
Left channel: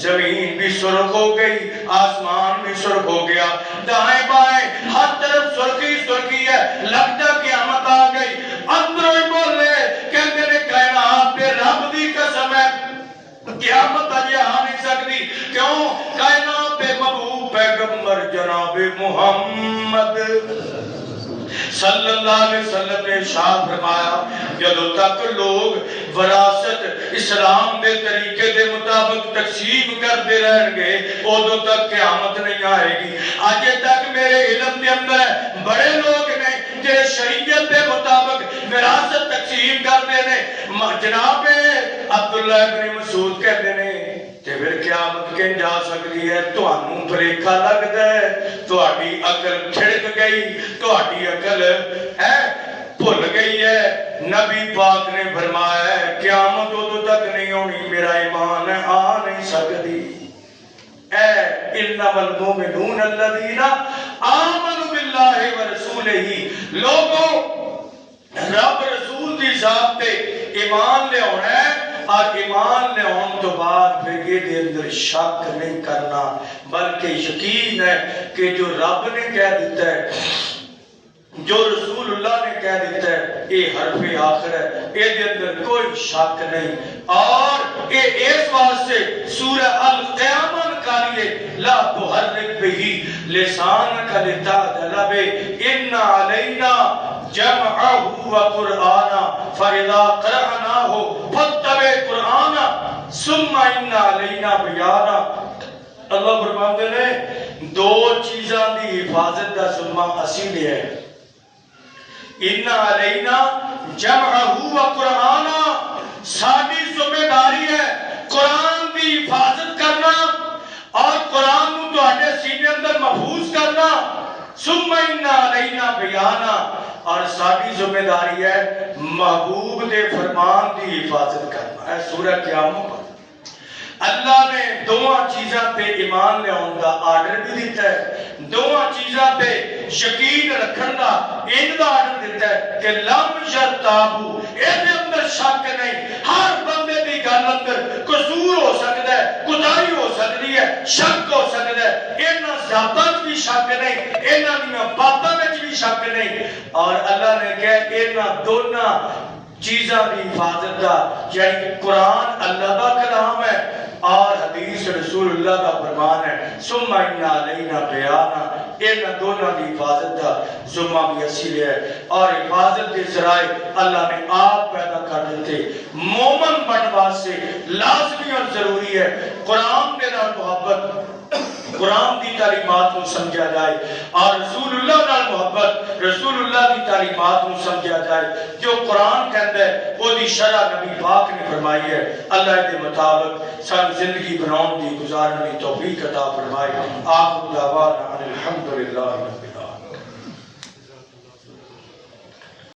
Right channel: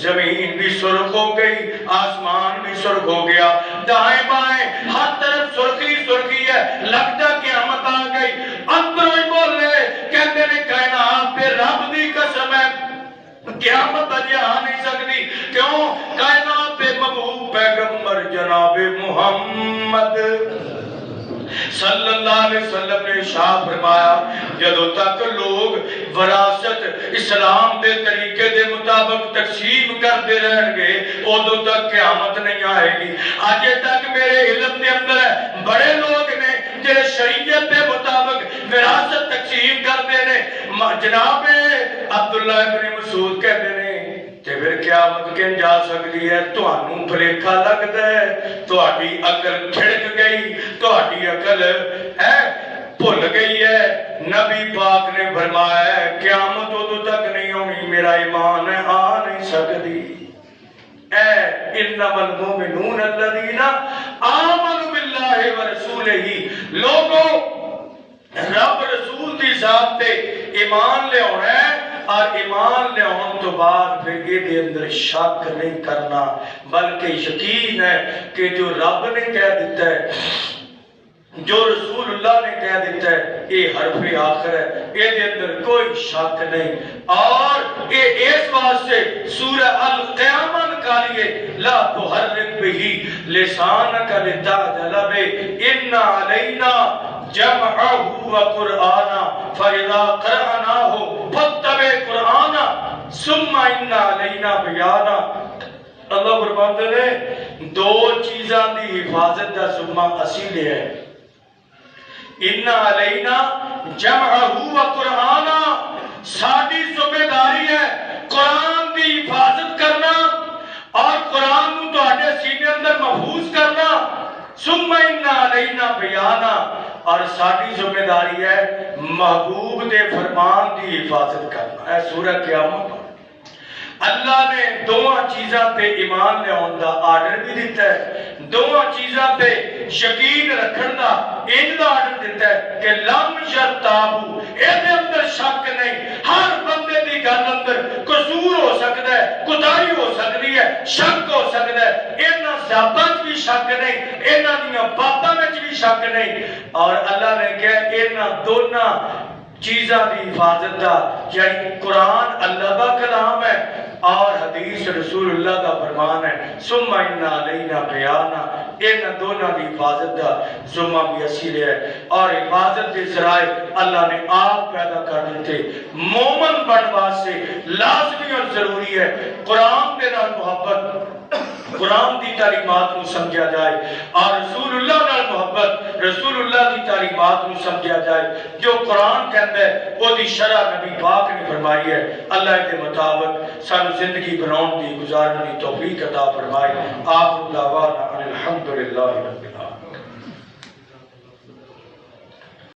زمین بھی سرخ ہو گئی آسمان بھی سرخ ہو گیا دائیں بائیں ہر طرف سرخی ہے لگتا قیامت آ گئی. اندروں ہی بولے کہندے نے کائنات دے رب دی قسم ہے قیامت اجے آ نہیں سکتی. کیوں کائنات دے محبوب پیغمبر جناب محمد صلی اللہ علیہ وسلم نے ارشاد فرمایا جدوں تک لوگ وراثت اسلام دے طریقے دے مطابق تقسیم کرتے رہیں گے ادوں تک قیامت نہیں آئے گی. آج تک میرے علم دے اندر بڑے لوگ نے جڑے شریعت دے مطابق وراثت تقسیم کرتے ہیں. جناب عبداللہ ابن مسعود کہتے ہیں کہ پھر قیامت کہیں جا سکتی ہے. تہانوں بھلیکھا لگدا ہے, تہاڈی عقل کھڑک گئی, تہاڈی عقل بھول گئی ہے. نبی پاک نے فرمایا ہے قیامت ادوں تک نہیں ہونی میرا ایمان ہے آ نہیں سکتی. انما المؤمنون الذین آمنوا باللہ ورسولہ. لوگوں رب رسول دی ذات تے ایمان لے آنا ہے اور ایمان لے آن تو بعد پھر یہ دے اندر شک نہیں کرنا بلکہ یقین ہے کہ جو رب نے کہہ دیتا ہے جو رسول اللہ نے کہہ دیتا ہے یہ حرف آخر ہے یہ دے اندر کوئی شک نہیں. اور یہ اس واسطے سورہ القیامہ نکالیے لا تحرک بہی لسانک لتعجل بہ ان علینا جمعہ وقرآنا فَإِذَا قَرَأْنَاهُ فَاتَّبِعْ قُرْآنَا ثُمَّ إِنَّ عَلَيْنَا بَيَانَا. اللہ فرماتے ہیں دو چیزاں دی حفاظت دا ذمہ اسی لے ہے. ان علینا جمعہ وقرآنا ساری ذمہ داری ہے قرآن دی حفاظت کرنا اور قرآن کو تہاڈے سینے اندر محفوظ کرنا. ثم ان علینا بیانا اور ساری ذمہ داری ہے محبوب دے فرمان دی حفاظت کرنا. اے سورہ قیامت اللہ نے دوواں چیزاں پہ ایمان لے آن دا آرڈر بھی دیتا ہے, دوواں چیزاں پہ یقین رکھن دا ان دا آرڈر دیتا ہے کہ لم یرتابو ایدے اندر شک نہیں. ہر بندے دی گل اندر قصور ہو سکتا ہے, کوتاہی ہو سکتی ہے, شک ہو سکتا ہے. انہاں ذاتاں بھی شک نہیں, انہاں دیاں باتاں وچ بھی شک نہیں. اور اللہ نے کہا انہاں دونوں چیزاں دی حفاظت دا یعنی قرآن اللہ دا کلام ہے اور حدیث رسول اللہ دا فرمان ہے. ثم ان علینا بیانا ایک دونوں کی حفاظت کا ذمہ بھی اسی لے ہے اور حفاظت کے ذرائع اللہ نے آپ پیدا کر دیتے مومن بنوا سے لازمی اور ضروری ہے قرآن کے نال محبت قرآن دی تعلیمات کو سمجھا جائے اور رسول اللہ نال محبت رسول اللہ دی تعلیمات کو سمجھا جائے جو قرآن کہتا ہے وہ دی شرع نبی پاک نے فرمائی ہے اللہ کے مطابق سن زندگی بناؤں دی گزارنے دی توفیق عطا فرمائے آخر دعوانا الحمدللہ رب